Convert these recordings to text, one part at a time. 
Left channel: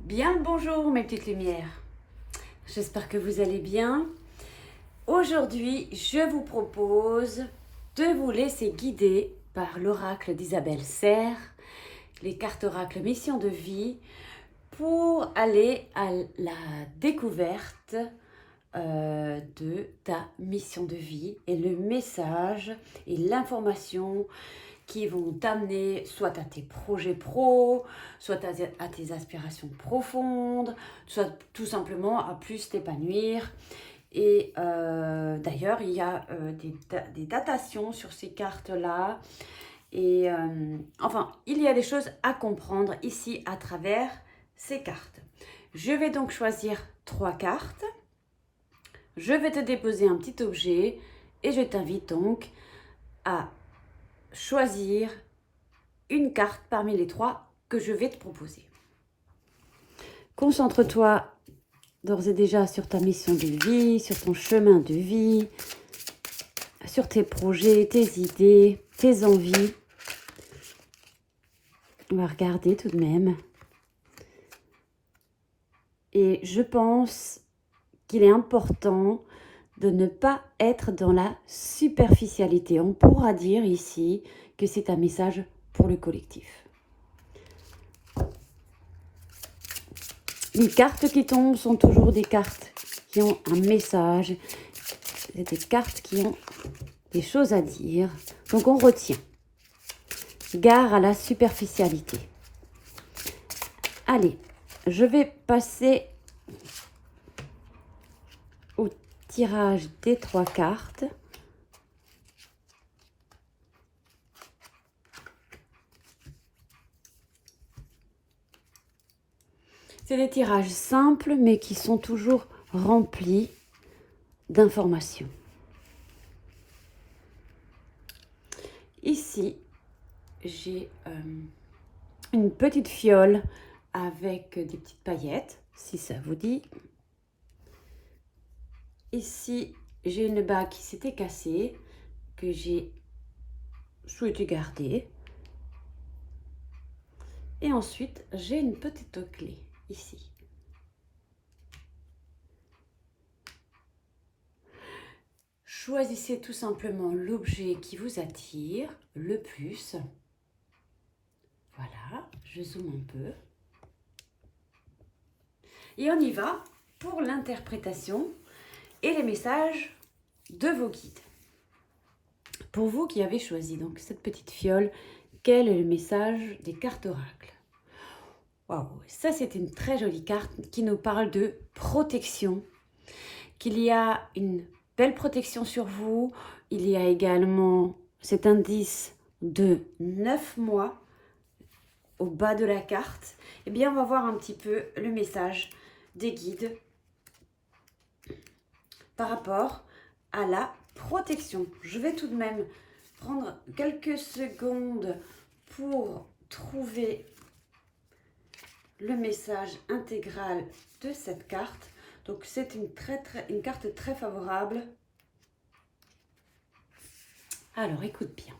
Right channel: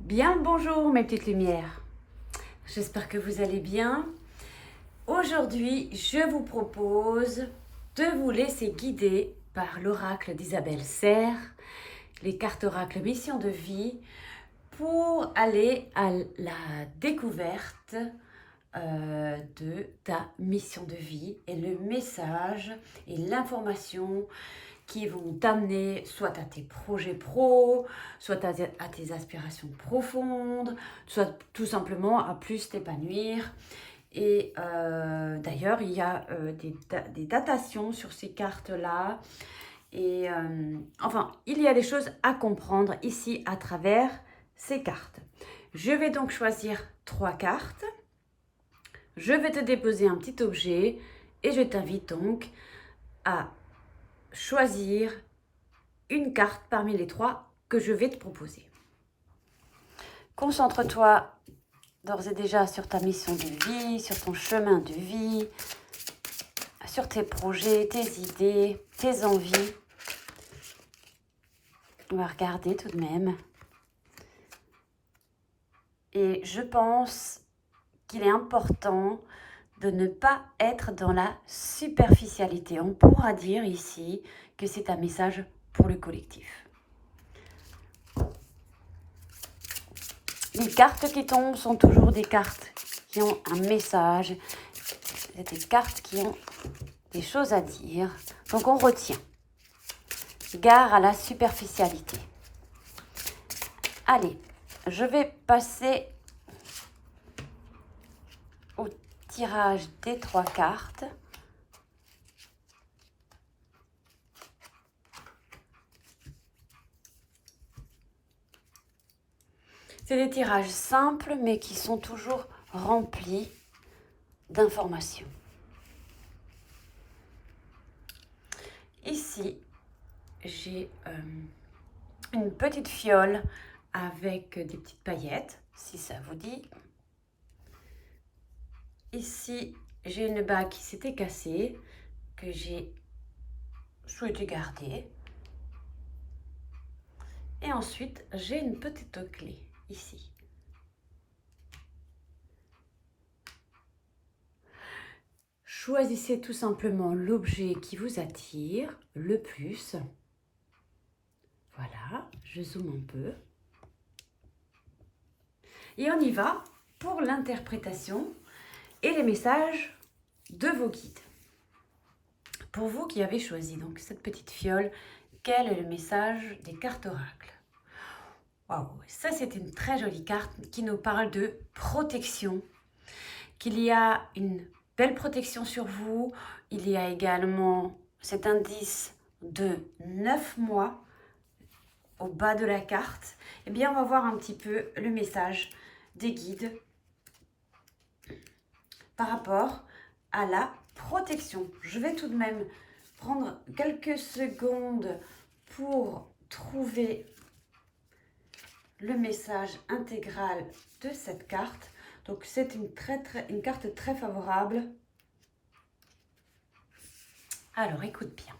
Bien le bonjour mes petites lumières, j'espère que vous allez bien. Aujourd'hui je vous propose de vous laisser guider par l'oracle d'Isabelle Serre, les cartes oracle mission de vie, pour aller à la découverte de ta mission de vie et le message et l'information qui vont t'amener soit à tes projets pro, soit à tes aspirations profondes, soit tout simplement à plus t'épanouir. Et d'ailleurs, il y a des datations sur ces cartes-là. Et enfin, il y a des choses à comprendre ici à travers ces cartes. Je vais donc choisir 3 cartes. Je vais te déposer un petit objet et je t'invite donc à choisir une carte parmi les 3 que je vais te proposer. Concentre-toi d'ores et déjà sur ta mission de vie, sur ton chemin de vie, sur tes projets, tes idées, tes envies. On va regarder tout de même. Et je pense qu'il est important de ne pas être dans la superficialité. On pourra dire ici que c'est un message pour le collectif. Les cartes qui tombent sont toujours des cartes qui ont un message. C'est des cartes qui ont des choses à dire. Donc on retient. Gare à la superficialité. Allez, je vais passer au tirage des 3 cartes. C'est des tirages simples, mais qui sont toujours remplis d'informations. Ici, j'ai une petite fiole avec des petites paillettes, si ça vous dit. Ici, j'ai une bague qui s'était cassée, que j'ai souhaité garder. Et ensuite, j'ai une petite clé, ici. Choisissez tout simplement l'objet qui vous attire le plus. Voilà, je zoome un peu. Et on y va pour l'interprétation et les messages de vos guides. Pour vous qui avez choisi donc cette petite fiole, quel est le message des cartes oracles? Waouh, ça c'est une très jolie carte qui nous parle de protection, qu'il y a une belle protection sur vous. Il y a également cet indice de 9 mois au bas de la carte. Eh bien, on va voir un petit peu le message des guides par rapport à la protection. Je vais tout de même prendre quelques secondes pour trouver le message intégral de cette carte. Donc c'est une carte très favorable. Alors écoute bien.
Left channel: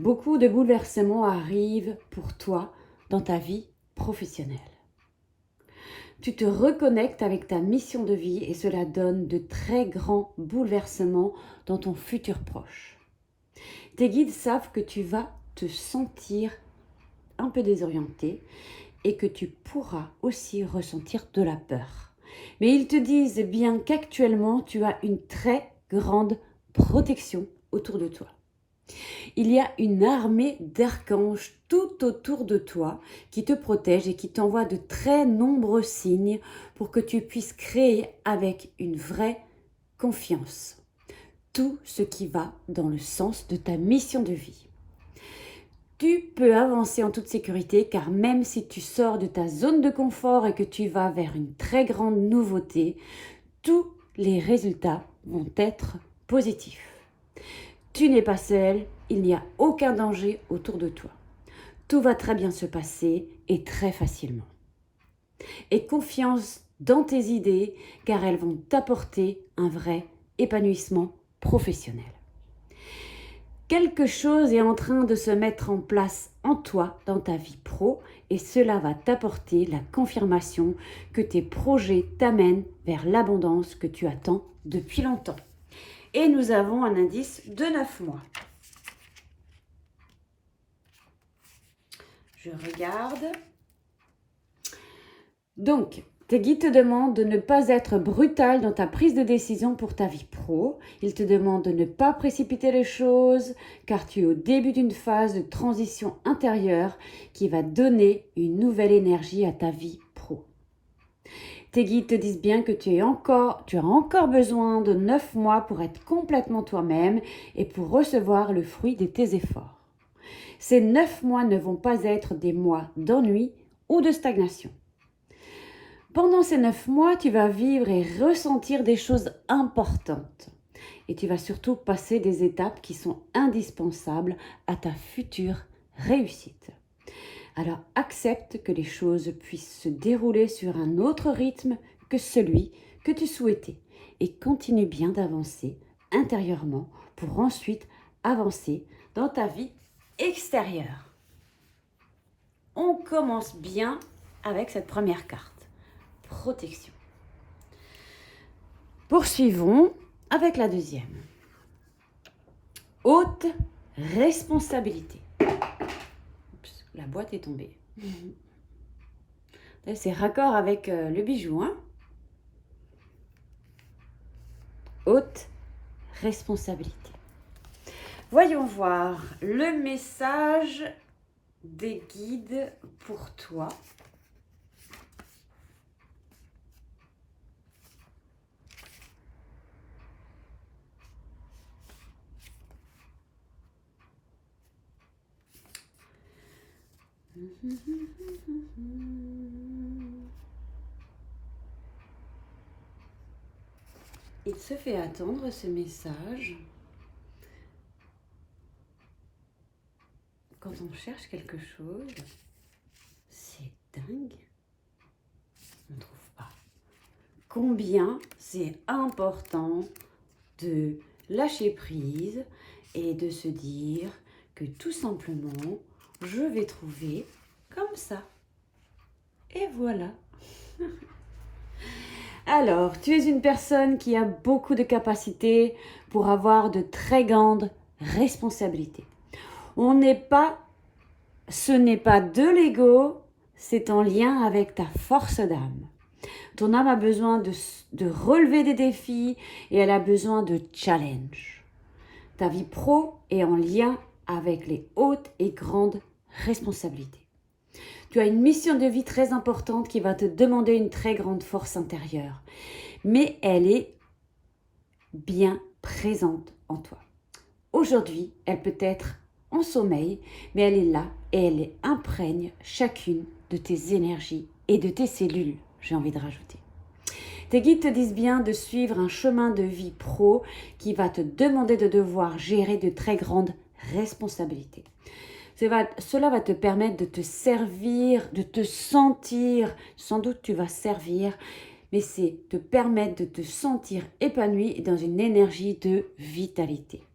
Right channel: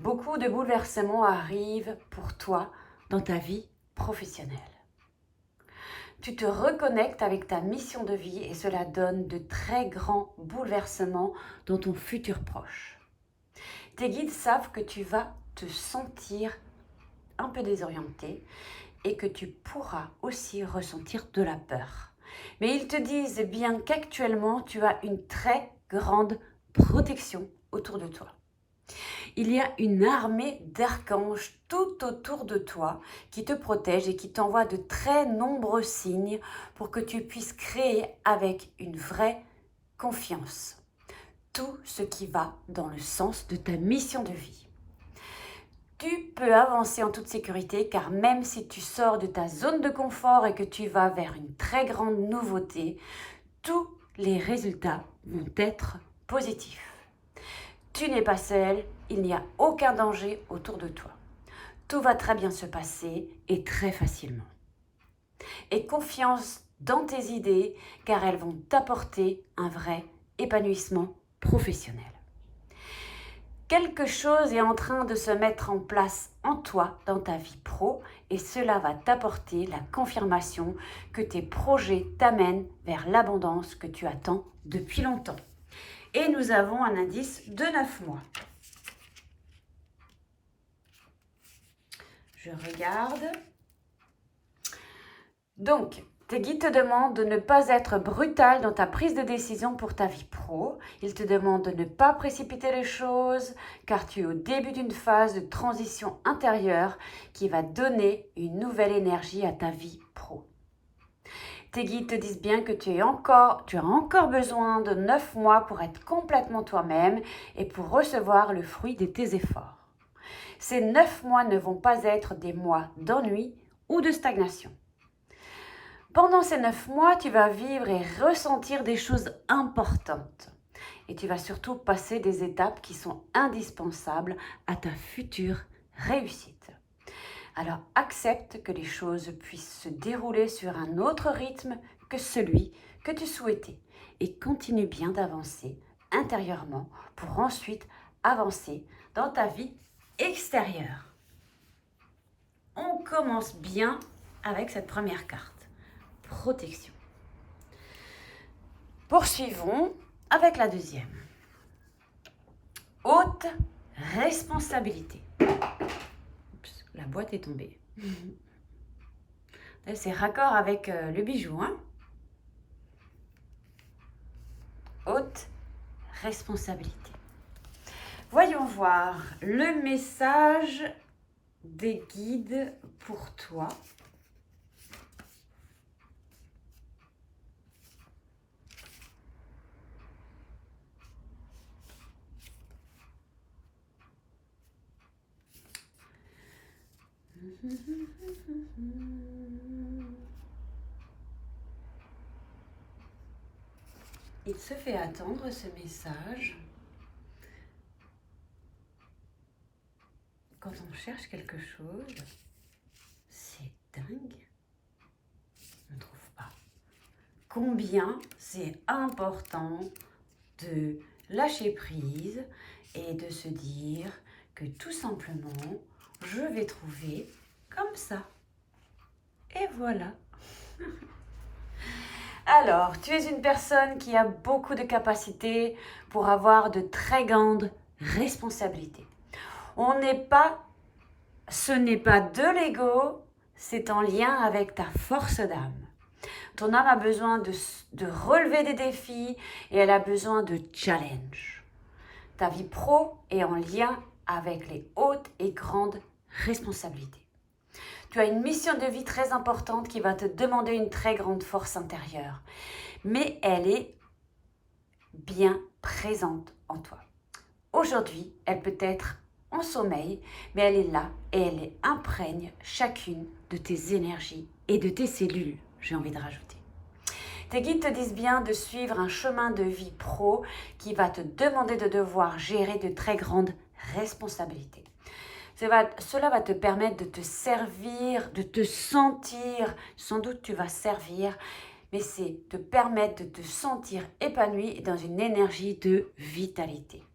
Beaucoup de bouleversements arrivent pour toi dans ta vie professionnelle. Tu te reconnectes avec ta mission de vie et cela donne de très grands bouleversements dans ton futur proche. Tes guides savent que tu vas te sentir un peu désorienté et que tu pourras aussi ressentir de la peur. Mais ils te disent bien qu'actuellement, tu as une très grande protection autour de toi. Il y a une armée d'archanges tout autour de toi qui te protège et qui t'envoie de très nombreux signes pour que tu puisses créer avec une vraie confiance tout ce qui va dans le sens de ta mission de vie. Tu peux avancer en toute sécurité car même si tu sors de ta zone de confort et que tu vas vers une très grande nouveauté, tous les résultats vont être positifs. Tu n'es pas seul, il n'y a aucun danger autour de toi. Tout va très bien se passer et très facilement. Aie confiance dans tes idées car elles vont t'apporter un vrai épanouissement professionnel. Quelque chose est en train de se mettre en place en toi, dans ta vie pro, et cela va t'apporter la confirmation que tes projets t'amènent vers l'abondance que tu attends depuis longtemps. Et nous avons un indice de 9 mois. Je regarde. Donc, tes guides te demandent de ne pas être brutal dans ta prise de décision pour ta vie pro. Ils te demandent de ne pas précipiter les choses car tu es au début d'une phase de transition intérieure qui va donner une nouvelle énergie à ta vie pro. Tes guides te disent bien que tu as encore besoin de 9 mois pour être complètement toi-même et pour recevoir le fruit de tes efforts. Ces 9 mois ne vont pas être des mois d'ennui ou de stagnation. Pendant ces 9 mois, tu vas vivre et ressentir des choses importantes. Et tu vas surtout passer des étapes qui sont indispensables à ta future réussite. Alors accepte que les choses puissent se dérouler sur un autre rythme que celui que tu souhaitais. Et continue bien d'avancer intérieurement pour ensuite avancer dans ta vie extérieure. On commence bien avec cette première carte. Protection. Poursuivons avec la deuxième. Haute responsabilité. Oups, la boîte est tombée. C'est raccord avec le bijou. Hein? Haute responsabilité. Voyons voir le message des guides pour toi. Il se fait attendre ce message. Quand on cherche quelque chose, c'est dingue. On ne trouve pas. Combien c'est important de lâcher prise et de se dire que tout simplement, je vais trouver comme ça. Et voilà. Alors, tu es une personne qui a beaucoup de capacités pour avoir de très grandes responsabilités. Ce n'est pas de l'ego, c'est en lien avec ta force d'âme. Ton âme a besoin de relever des défis et elle a besoin de challenge. Ta vie pro est en lien avec les hautes et grandes responsabilités. Tu as une mission de vie très importante qui va te demander une très grande force intérieure, mais elle est bien présente en toi. Aujourd'hui, elle peut être en sommeil, mais elle est là et elle imprègne chacune de tes énergies et de tes cellules, j'ai envie de rajouter. Tes guides te disent bien de suivre un chemin de vie pro qui va te demander de devoir gérer de très grandes responsabilités. Cela va te permettre de te servir, de te sentir, sans doute tu vas servir, mais c'est te permettre de te sentir épanoui et dans une énergie de vitalité.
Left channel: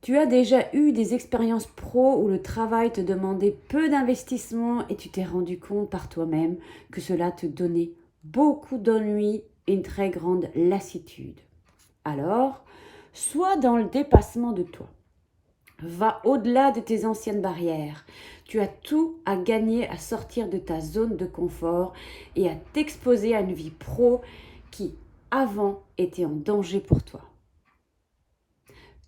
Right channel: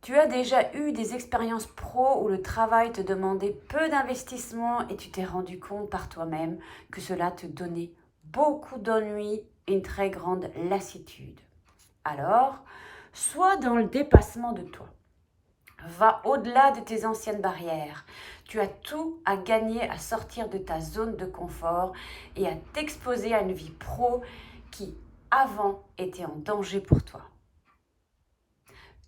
Tu as déjà eu des expériences pro où le travail te demandait peu d'investissement et tu t'es rendu compte par toi-même que cela te donnait beaucoup d'ennui et une très grande lassitude. Alors, sois dans le dépassement de toi. Va au-delà de tes anciennes barrières. Tu as tout à gagner à sortir de ta zone de confort et à t'exposer à une vie pro qui, avant, était en danger pour toi.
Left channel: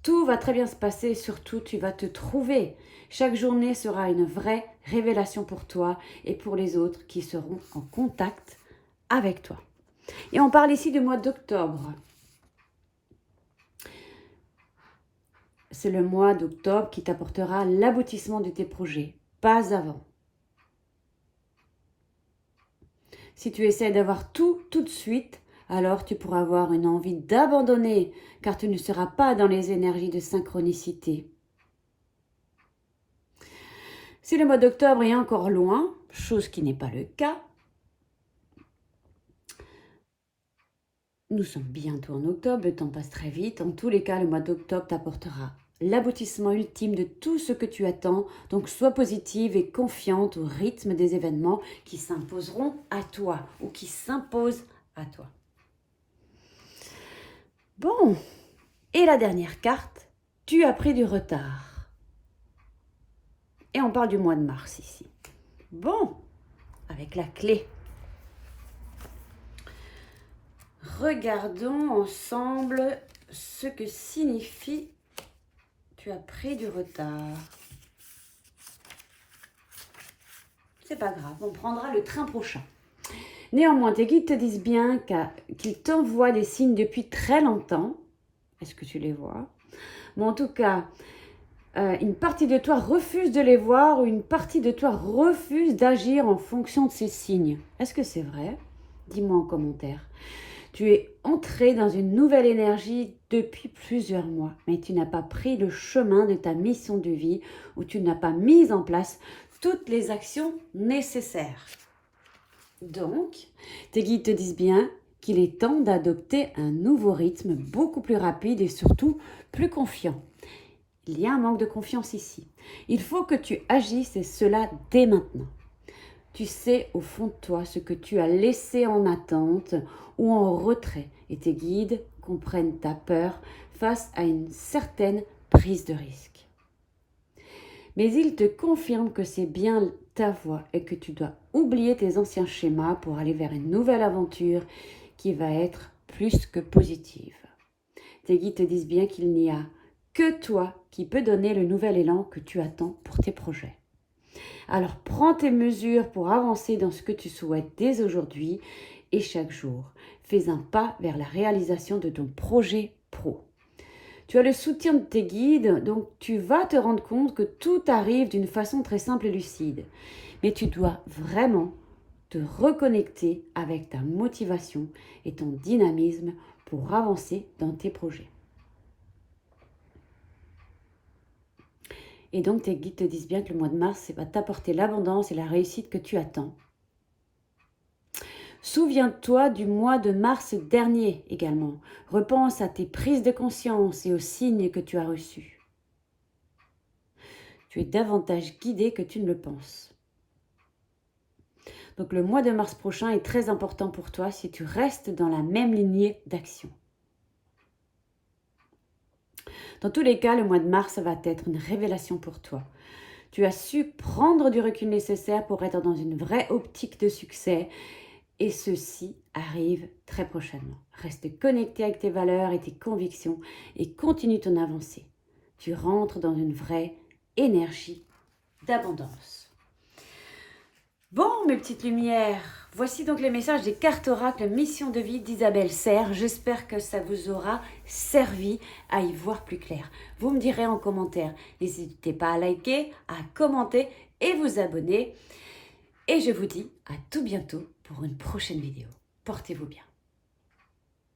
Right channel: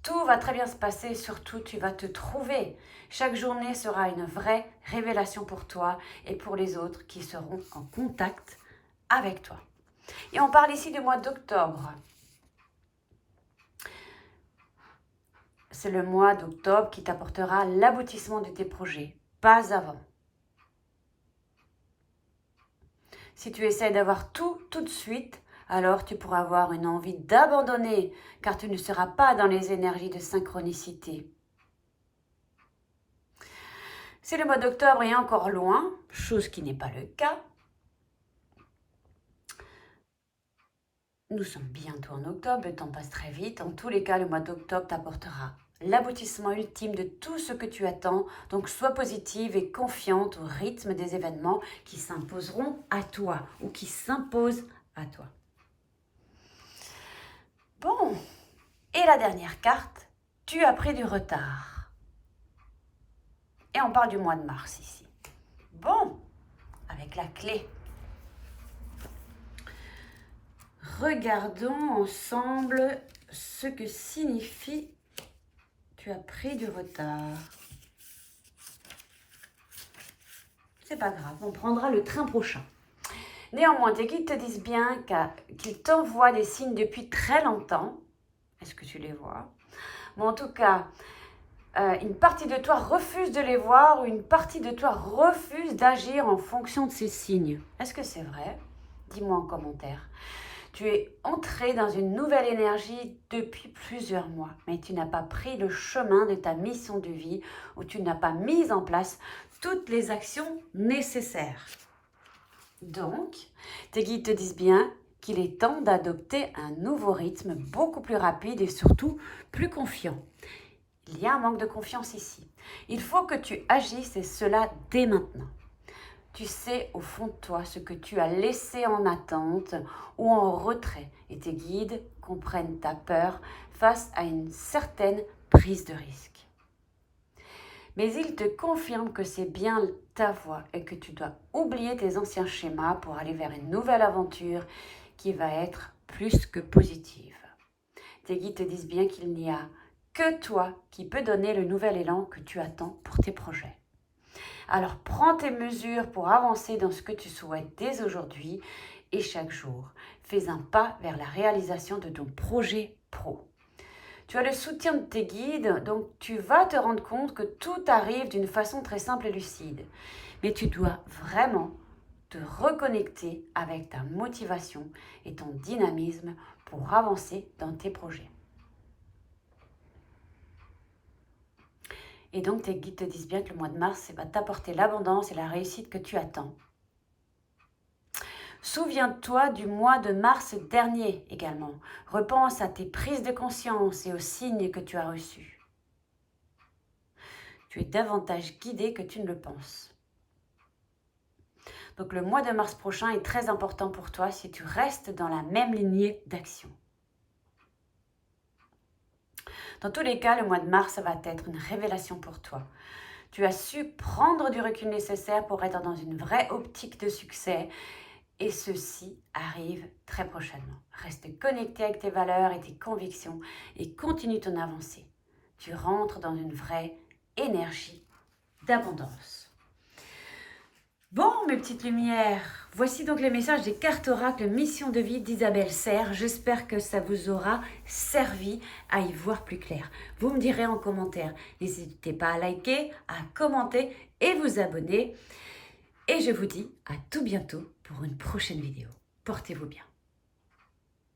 Tout va très bien se passer et surtout, tu vas te trouver. Chaque journée sera une vraie révélation pour toi et pour les autres qui seront en contact avec toi. Et on parle ici du mois d'octobre. C'est le mois d'octobre qui t'apportera l'aboutissement de tes projets, pas avant. Si tu essaies d'avoir tout de suite, alors tu pourras avoir une envie d'abandonner, car tu ne seras pas dans les énergies de synchronicité. Si le mois d'octobre est encore loin, chose qui n'est pas le cas, nous sommes bientôt en octobre, le temps passe très vite. En tous les cas, le mois d'octobre t'apportera l'aboutissement ultime de tout ce que tu attends. Donc sois positive et confiante au rythme des événements qui s'imposeront à toi ou qui s'imposent à toi. Bon, et la dernière carte, tu as pris du retard. Et on parle du mois de mars ici. Bon, avec la clé. Regardons ensemble ce que signifie tu as pris du retard. C'est pas grave, on prendra le train prochain. Néanmoins, tes guides te disent bien qu'ils t'envoient des signes depuis très longtemps. Est-ce que tu les vois? Mais en tout cas, une partie de toi refuse de les voir ou une partie de toi refuse d'agir en fonction de ces signes. Est-ce que c'est vrai? Dis-moi en commentaire. Tu es entré dans une nouvelle énergie depuis plusieurs mois, mais tu n'as pas pris le chemin de ta mission de vie ou tu n'as pas mis en place toutes les actions nécessaires. Donc, tes guides te disent bien qu'il est temps d'adopter un nouveau rythme beaucoup plus rapide et surtout plus confiant. Il y a un manque de confiance ici. Il faut que tu agisses et cela dès maintenant. Tu sais au fond de toi ce que tu as laissé en attente ou en retrait et tes guides comprennent ta peur face à une certaine prise de risque. Mais ils te confirment que c'est bien ta voie et que tu dois oublier tes anciens schémas pour aller vers une nouvelle aventure qui va être plus que positive. Tes guides te disent bien qu'il n'y a que toi qui peux donner le nouvel élan que tu attends pour tes projets. Alors prends tes mesures pour avancer dans ce que tu souhaites dès aujourd'hui et chaque jour. Fais un pas vers la réalisation de ton projet pro. Tu as le soutien de tes guides, donc tu vas te rendre compte que tout arrive d'une façon très simple et lucide. Mais tu dois vraiment te reconnecter avec ta motivation et ton dynamisme pour avancer dans tes projets. Et donc, tes guides te disent bien que le mois de mars, va t'apporter l'abondance et la réussite que tu attends. Souviens-toi du mois de mars dernier également. Repense à tes prises de conscience et aux signes que tu as reçus. Tu es davantage guidé que tu ne le penses. Donc, le mois de mars prochain est très important pour toi si tu restes dans la même lignée d'action. Dans tous les cas, le mois de mars va être une révélation pour toi. Tu as su prendre du recul nécessaire pour être dans une vraie optique de succès et ceci arrive très prochainement. Reste connecté avec tes valeurs et tes convictions et continue ton avancée. Tu rentres dans une vraie énergie d'abondance. Bon, mes petites lumières, voici donc les messages des cartes oracles Mission de vie d'Isabelle Serre. J'espère que ça vous aura servi à y voir plus clair. Vous me direz en commentaire. N'hésitez pas à liker, à commenter et vous abonner. Et je vous dis à tout bientôt pour une prochaine vidéo. Portez-vous bien.